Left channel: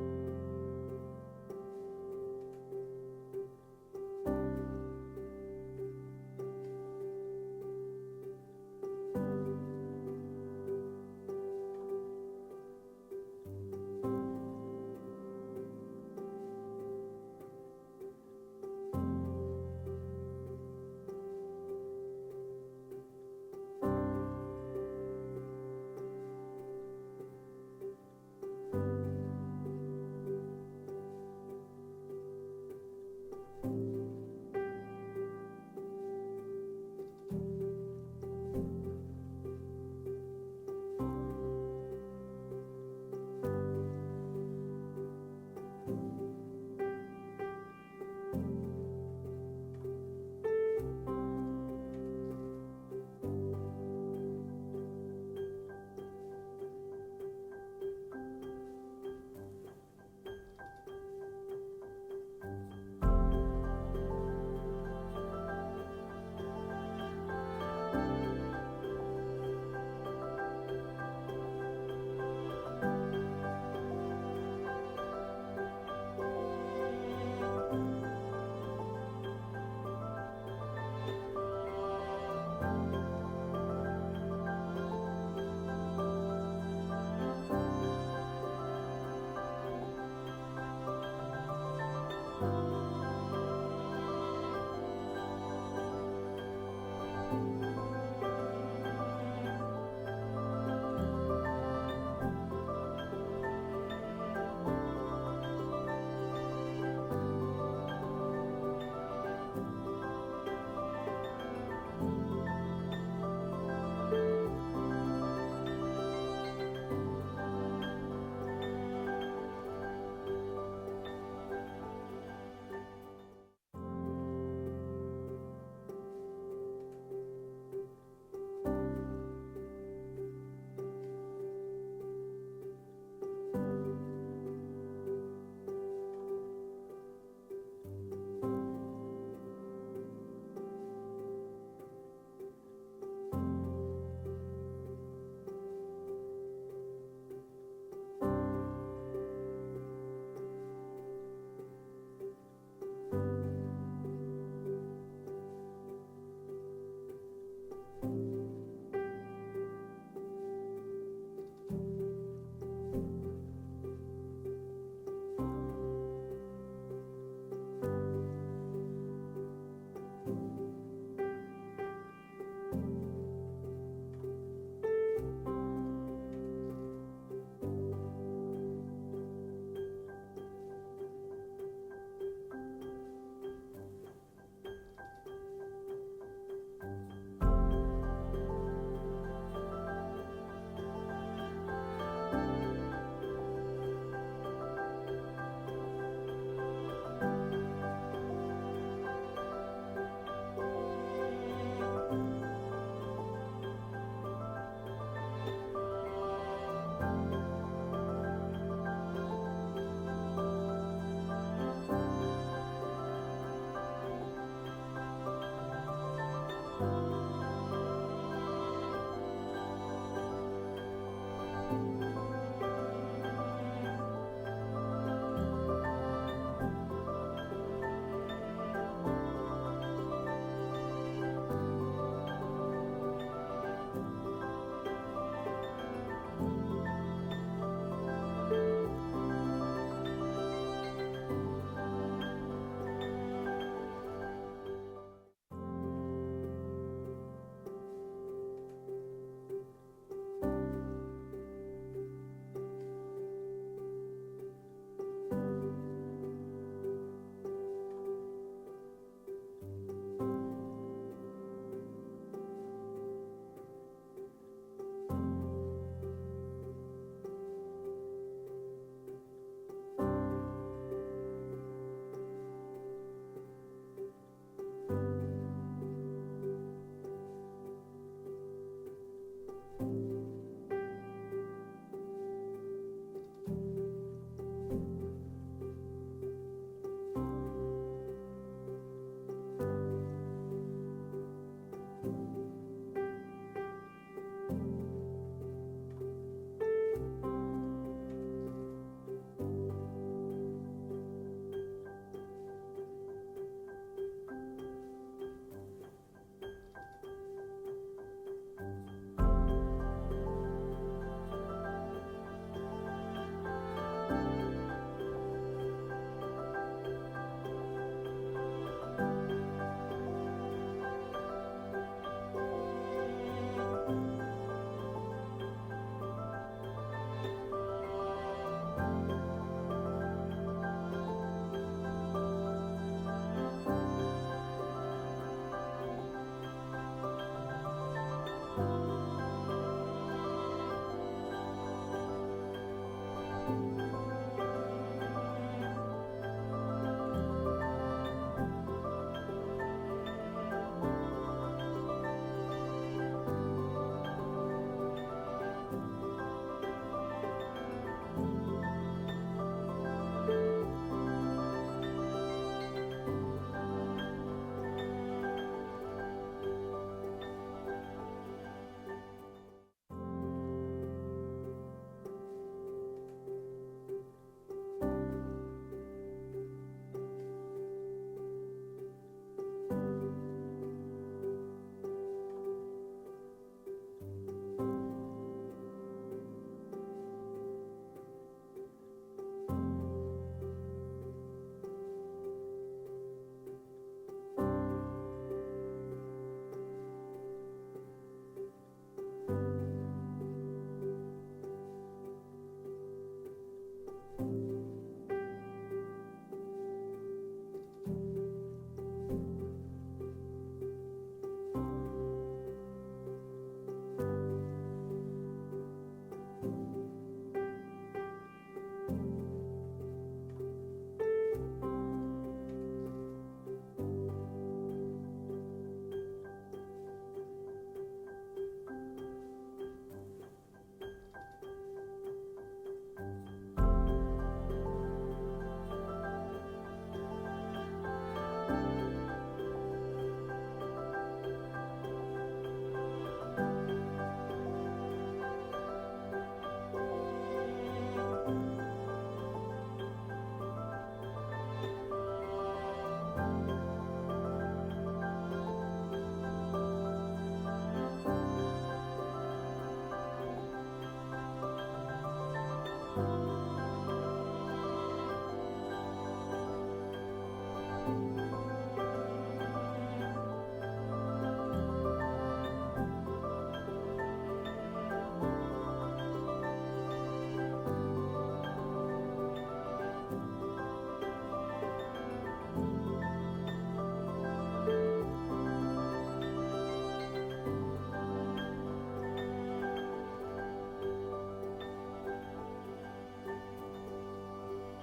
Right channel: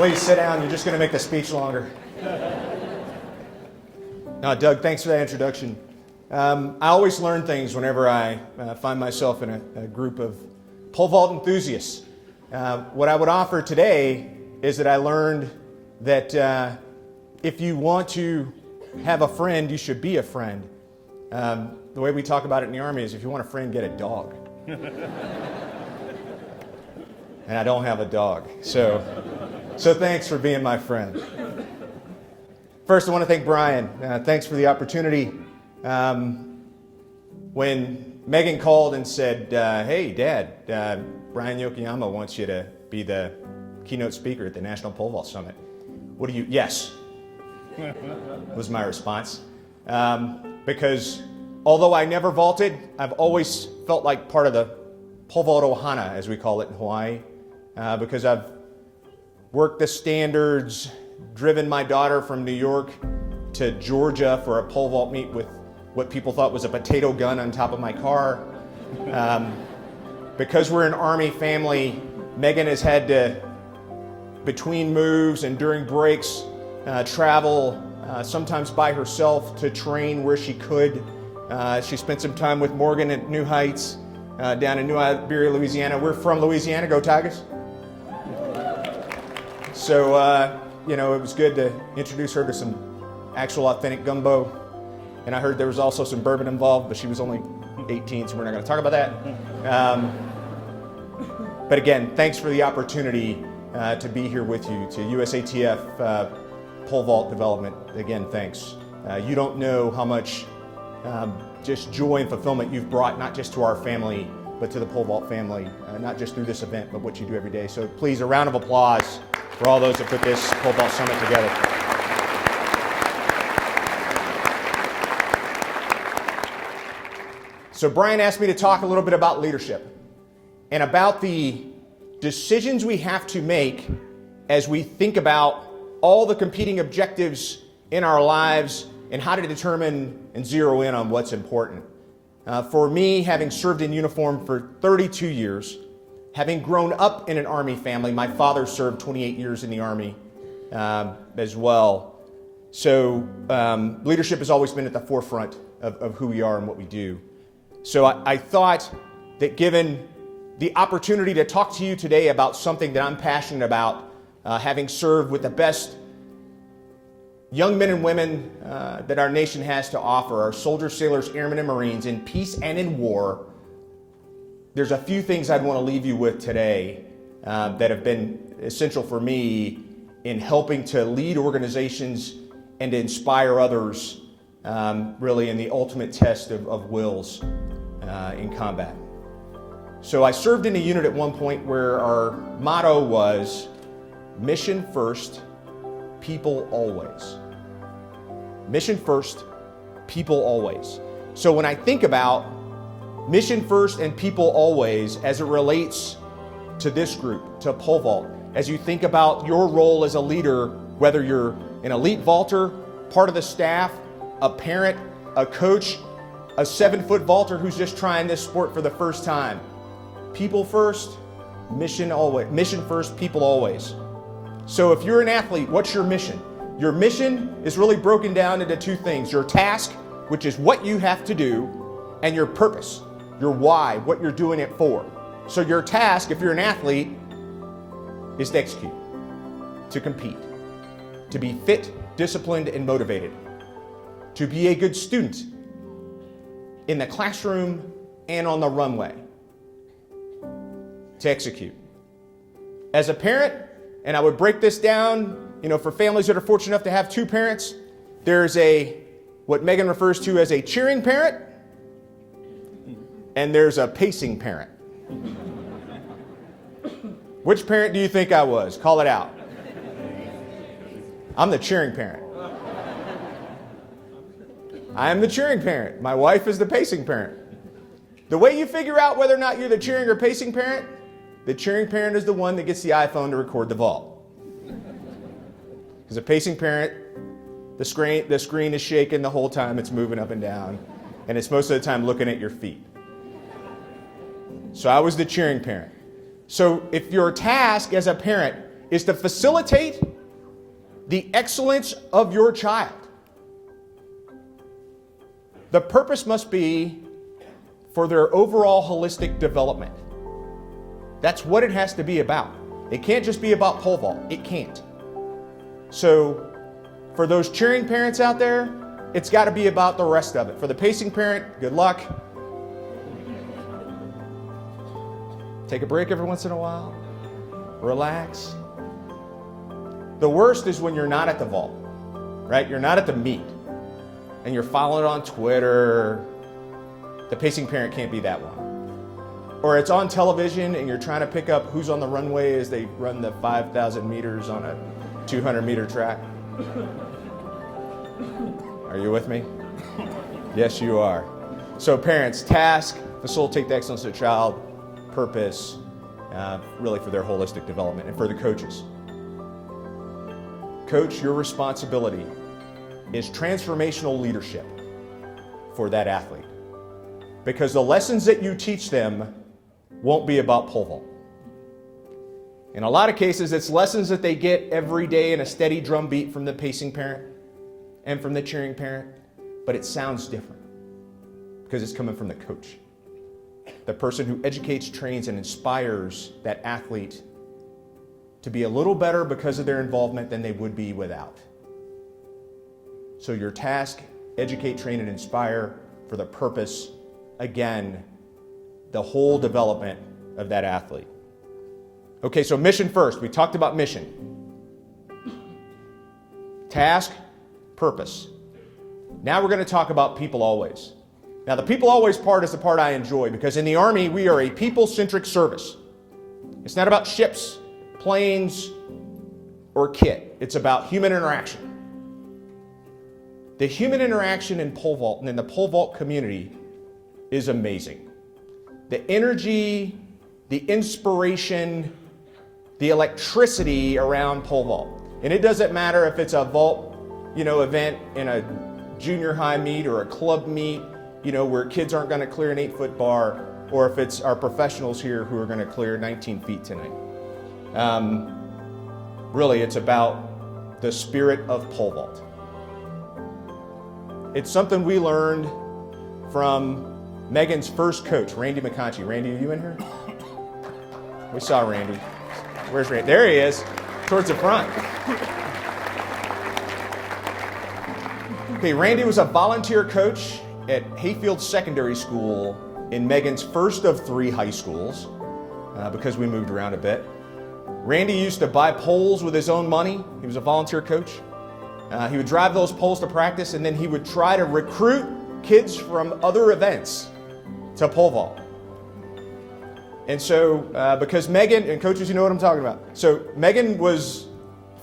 Please sit down. You're just going to make the speech longer. Doug, thanks for that introduction. I always learn things whenever I find myself in a group of pole vault enthusiasts. What I would offer today is that I learned that if you want to have a friend, you should be a friend. The way we talk about it in the Army is if you want a friend, get a dog. And I don't have a dog. So thanks for being my friend. First, I want to thank Brian. Thanks for the opportunity. When Megan called and said, hey, Dad, Brian Yokoyama wants you to be the keynote speaker at the National Pole Vault Summit. Yes, was my response. Because although I never vaulted, I've always felt like part of the pole vault ohana, as we call it in Hawaii, because I've worked the standards, driven my daughter from New York to Georgia for a pole vault meet with what people thought was a potato gun on top of my car. Because we're an Army family, Megan has had to, between moves and during breaks, travel sometimes by herself to train where she could. She spent some time with Morgan at New Heights, down in New Iberia, Louisiana. We're from Louisiana. Go Tigers. So, it was good to introduce her to some actual authentic gumbo. And I heard there was also some bourbon involved, but she was only 18, so we're not going to talk about that. But again, thanks for the opportunity to be here with you, to USATF pole vault development. Again, thanks. You don't know how much just joy and fulfillment you've brought, not just to our family, but to the pole vault family, not just through this event, but what you do every day. So please, a round of applause for all those that put this pole vault summit together. So Brian asked me to talk a little bit about leadership and about the decisions we have to make as we think about all the competing objectives in our lives and how to determine and zero in on what's important. For me, having served in uniform for 32 years, having grown up in an Army family, my father served 28 years in the Army as well. So leadership has always been at the forefront of who we are and what we do. So I thought that given the opportunity to talk to you today about something that I'm passionate about, having served with the best young men and women that our nation has to offer, our soldiers, sailors, airmen, and Marines in peace and in war, there's a few things I'd want to leave you with today that have been essential for me in helping to lead organizations and to inspire others really in the ultimate test of wills in combat. So I served in a unit at one point where our motto was mission first, people always. Mission first, people always. So when I think about mission first and people always as it relates to this group, to pole vault, as you think about your role as a leader, whether you're an elite vaulter, part of the staff, a parent, a coach, a 7-foot vaulter who's just trying this sport for the first time. People first, mission always. Mission first, people always. So if you're an athlete, what's your mission? Your mission is really broken down into two things. Your task, which is what you have to do, and your purpose, your why, what you're doing it for. So your task, if you're an athlete, is to execute, to compete, to be fit, disciplined, and motivated, to be a good student in the classroom and on the runway, to execute. As a parent, and I would break this down, for families that are fortunate enough to have two parents, there's what Megan refers to as a cheering parent, and there's a pacing parent. Which parent do you think I was? Call it out. I'm the cheering parent. I am the cheering parent. My wife is the pacing parent. The way you figure out whether or not you're the cheering or pacing parent, the cheering parent is the one that gets the iPhone to record the vault. Because a pacing parent, the screen is shaking the whole time it's moving up and down, and it's most of the time looking at your feet. So I was the cheering parent. So if your task as a parent is to facilitate the excellence of your child. The purpose must be for their overall holistic development. That's what it has to be about. It can't just be about pole vault. It can't. So for those cheering parents out there, it's got to be about the rest of it. For the pacing parent, good luck. Take a break every once in a while. Relax. The worst is when you're not at the vault, right? You're not at the meet, and you're following it on Twitter. The pacing parent can't be that one. Or it's on television, and you're trying to pick up who's on the runway as they run the 5,000 meters on a 200-meter track. Are you with me? Yes, you are. So parents, task, facilitate the excellence of the child, purpose, really for their holistic development, and for the coaches. Coach, your responsibility is transformational leadership for that athlete, because the lessons that you teach them won't be about pole vault. In a lot of cases, it's lessons that they get every day in a steady drumbeat from the pacing parent and from the cheering parent, but it sounds different because it's coming from the coach, the person who educates, trains, and inspires that athlete to be a little better because of their involvement than they would be without. So your task, educate, train, and inspire for the purpose, again, the whole development of that athlete. Okay, so mission first. We talked about mission. Task, purpose. Now we're going to talk about people always. Now the people always part is the part I enjoy, because in the Army we are a people-centric service. It's not about ships, planes, or kit. It's about human interaction. The human interaction in pole vault and in the pole vault community is amazing. The energy, the inspiration, the electricity around pole vault. And it doesn't matter if it's a vault, event in a junior high meet or a club meet, where kids aren't going to clear an 8-foot bar, or if it's our professionals here who are going to clear 19 feet tonight. Really, it's about the spirit of pole vault. It's something we learned from Megan's first coach, Randy McConchie. Randy, are you in here? We saw Randy. Where's Randy? There he is, towards the front. Okay, Randy was a volunteer coach at Hayfield Secondary School in Megan's first of 3 high schools, because we moved around a bit. Randy used to buy poles with his own money. He was a volunteer coach. He would drive those poles to practice, and then he would try to recruit kids from other events to pole vault. And so, because Megan, and coaches, you know what I'm talking about. So Megan was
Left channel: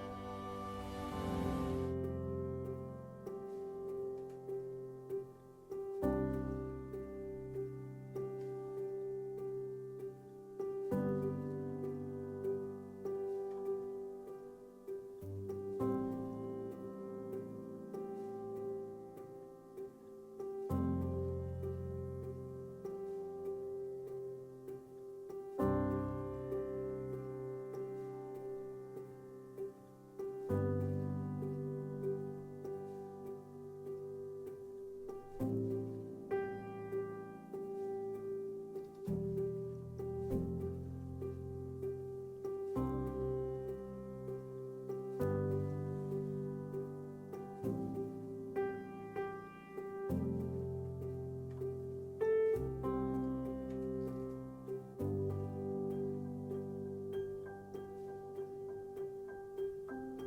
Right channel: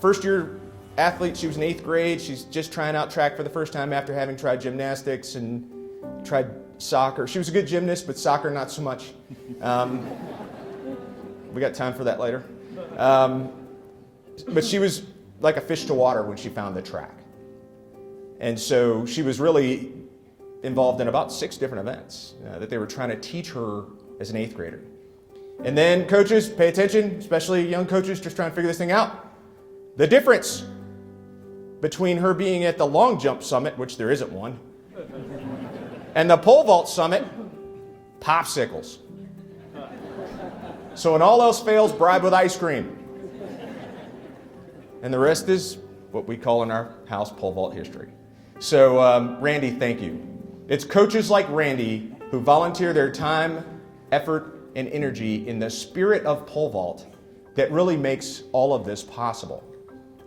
first year athlete. She was in 8th grade. She's just trying out track for the first time after having tried gymnastics and tried soccer. She was a good gymnast, but soccer not so much. We got time for that later. But she was like a fish to water when she found the track. And so she was really involved in about 6 different events that they were trying to teach her as an 8th grader. And then coaches, pay attention, especially young coaches just trying to figure this thing out. The difference between her being at the long jump summit, which there isn't one, and the pole vault summit, popsicles. So when all else fails, bribe with ice cream. And the rest is what we call in our house pole vault history. So Randy, thank you. It's coaches like Randy who volunteer their time, effort, and energy in the spirit of pole vault that really makes all of this possible.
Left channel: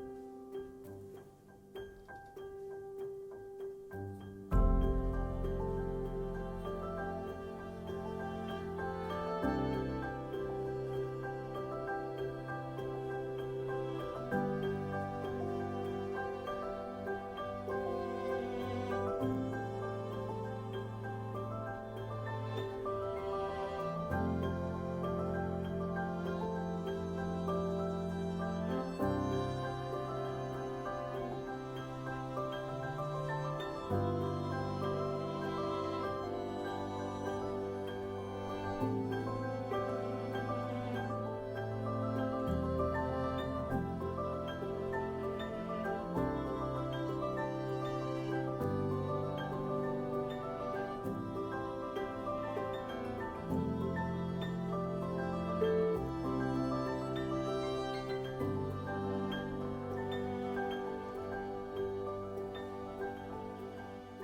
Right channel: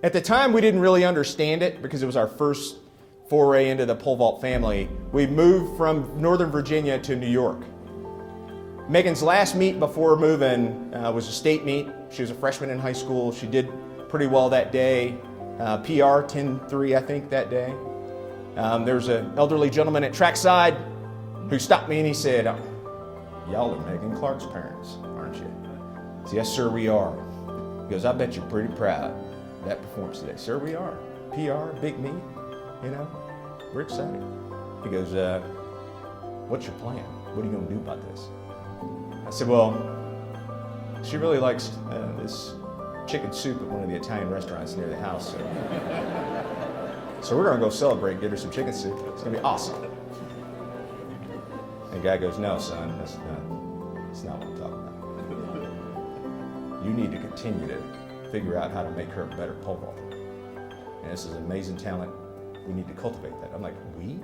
At the time, we didn't really understand it because it was our first foray into the pole vault family. We moved from Northern Virginia to New York. Megan's last meet before moving was a state meet. She was a freshman in high school. She did pretty well that day. PR 10-3, I think, that day. There was an elderly gentleman at trackside who stopped me and he said, "Y'all are Megan Clark's parents, aren't you?" I said, "Yes, sir, we are." He goes, "I bet you're pretty proud of that performance today." "Sir, we are. PR, big meet, we're excited." He goes, "What's your plan? What are you going to do about this?" I said, "Well, she really likes this chicken soup at one of the Italian restaurants near the house. So we're going to go celebrate and give her some chicken soup. It's going to be awesome. And the guy goes, no, son, that's not what I'm talking about. You need to continue to figure out how to make her a better pole vaulter. And this is an amazing talent. We need to cultivate that. I'm like, we?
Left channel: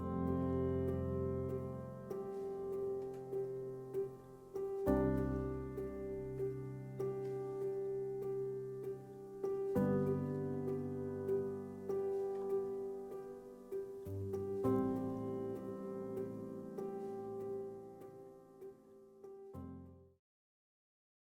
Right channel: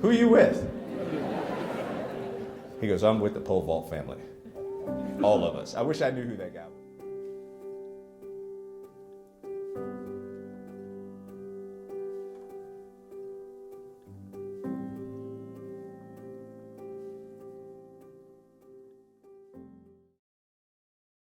Who are you with? He goes, I'm with the pole vault family. All of us. I wish I knew who that guy was.